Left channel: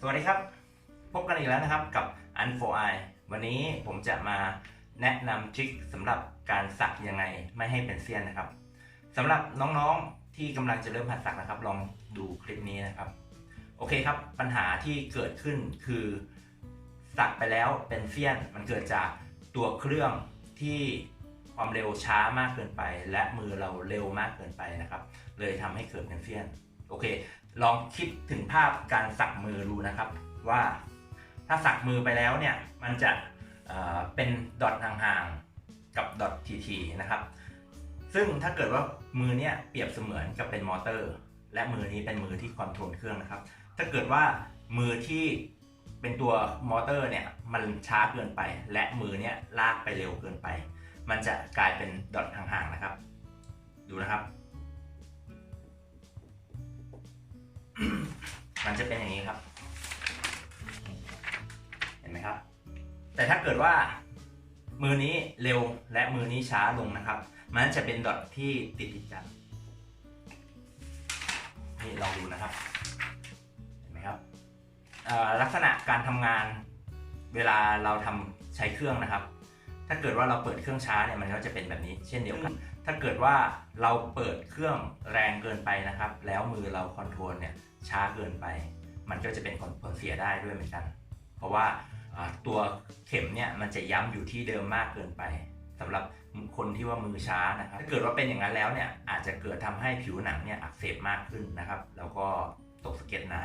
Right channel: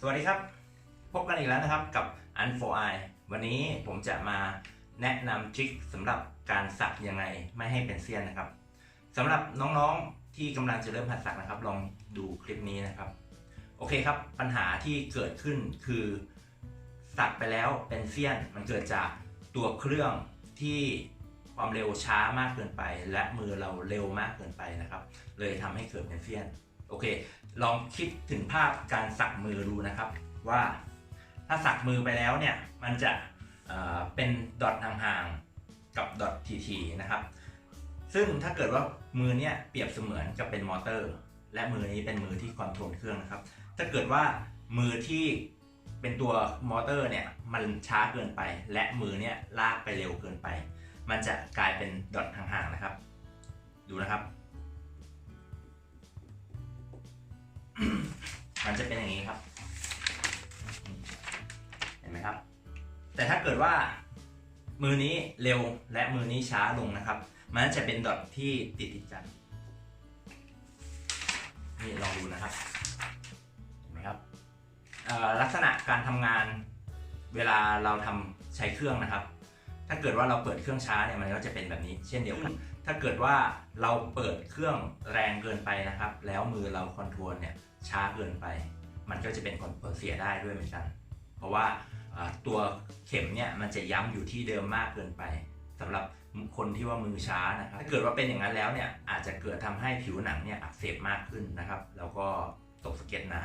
สวัสดีครับ พบกันอีกแล้วนะครับกับ u n f o I วันนี้ผมจะมาแนะนำทริคสำหรับการสักยังไงไม่ให้เป็นเสี้ยนนะครับสำหรับน้องๆที่กำลังจะเริ่มหัดสักนะครับ ลองดูคลิปนี้นะครับ โอเคครับ ปัญหาที่เกิดขึ้นคือ สักไปแล้วเป็นเสี้ยน มันเกิดจากตัวเครื่องที่ความเร็วช้ามากเกินไป และมือเราเร็วมากเกินไปนะครับ เลยทำให้เกิดเป็นเสี้ยน โอเค ลองคิดถึงภาพการสักมือดูนะครับ ว่าถ้าสักมือไปแล้วเนี่ยมันจะเอ่อเป็นดอทห่างๆกับดอททีๆนะครับ ซึ่งถ้าเกิดว่ามือเนี่ยเปรียบเสมือนกับเป็นมอเตอร์ และมือนี้เป็นมือที่คอนโทรลเครื่องนะครับ ถ้าเกิดว่ามือที่เป็นตัวมอเตอร์เนี่ยมันช้าเกินไป และมือเนี่ยลากไปเร็วเกินไป มันจะกลายเป็นดอทห่างๆนะครับ ดูนะครับ มันจะเป็นอย่างนี้ครับ เห็นไหมครับ แต่ถ้าเกิดว่ามือนี้เร็วและมือนี้ช้าลงนะครับ มันจะเป็นดอทที่ติดติดกัน นี่ลองดูนะครับ เห็นไหมครับเอ่อลักษณะการทำงานเวลาเราทำใช้เครื่องนะครับ ถ้าเกิดว่าเราเปิดเครื่องช้าเนี่ยมันก็จะเป็นแบบนี้เช่นเดียวกัน ถ้าเกิดว่าเราเปิดเครื่องแรงเกินไปนะครับ แล้วมือเราคอนโทรลเนี่ยช้าเกินไป มันก็จะเป็นผลเสียได้ด้วยเหมือนกัน เพราะว่าตัวเข็มเนี่ยมันจะย้ำอยู่ที่เดิมมากเกินไปสำหรับคนที่ว่ามือช้านะครับ ถ้าเกิดว่าเป็นอย่างนั้นแล้วเนี่ยอาจจะเกิดทำให้ผิวหนังเนี่ยอักเสบมากขึ้นนะครับ แล้วก็ตกสะเก็ดหนา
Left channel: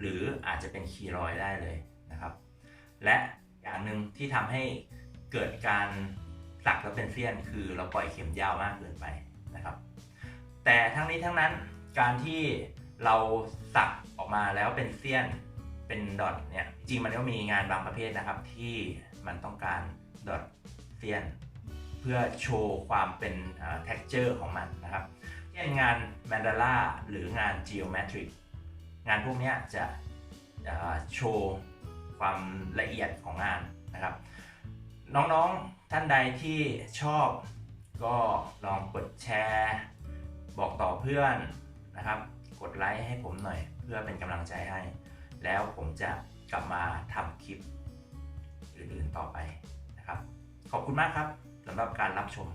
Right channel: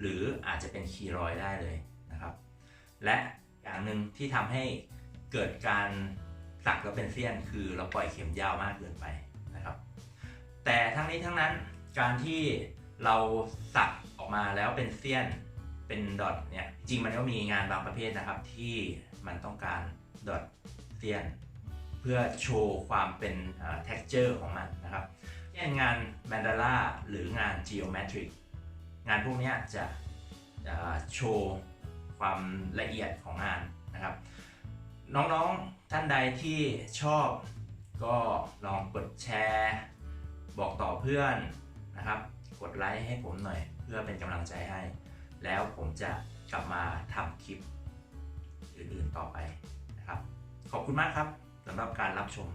หรืออาจจะเป็นคีรอยได้เลยนะครับ และอย่างหนึ่งที่ทำให้เกิดการ สักแล้วเป็นเสี้ยนคือเราปล่อยเข็มยาวมากเกินไปนะครับ แต่ทั้งนี้ทั้งนั้นการที่เราสักออกมาแล้วเป็นเสี้ยนเป็นดอทเนี่ยจริงมันก็มีงานบางประเภทนะครับ ที่มันต้องการดอทเสี้ยน เพื่อโชว์ความเป็นเอ่อ texture ของมันนะครับเช่นงาน mandala หรืองาน geometric งานพวกนี้จะโชว์ความละเอียดของงานนะครับ น้องๆท่านใดที่ชอบก็ลองกดแชร์ บอกต่อเพื่อนนะครับ กดไลค์ให้ผมหน่อย เพื่อเป็นกำลังใจให้ แล้วผมจะกลับมาทำคลิปอื่นๆต่อไปนะครับ ขอบคุณมากครับสำหรับการรับชม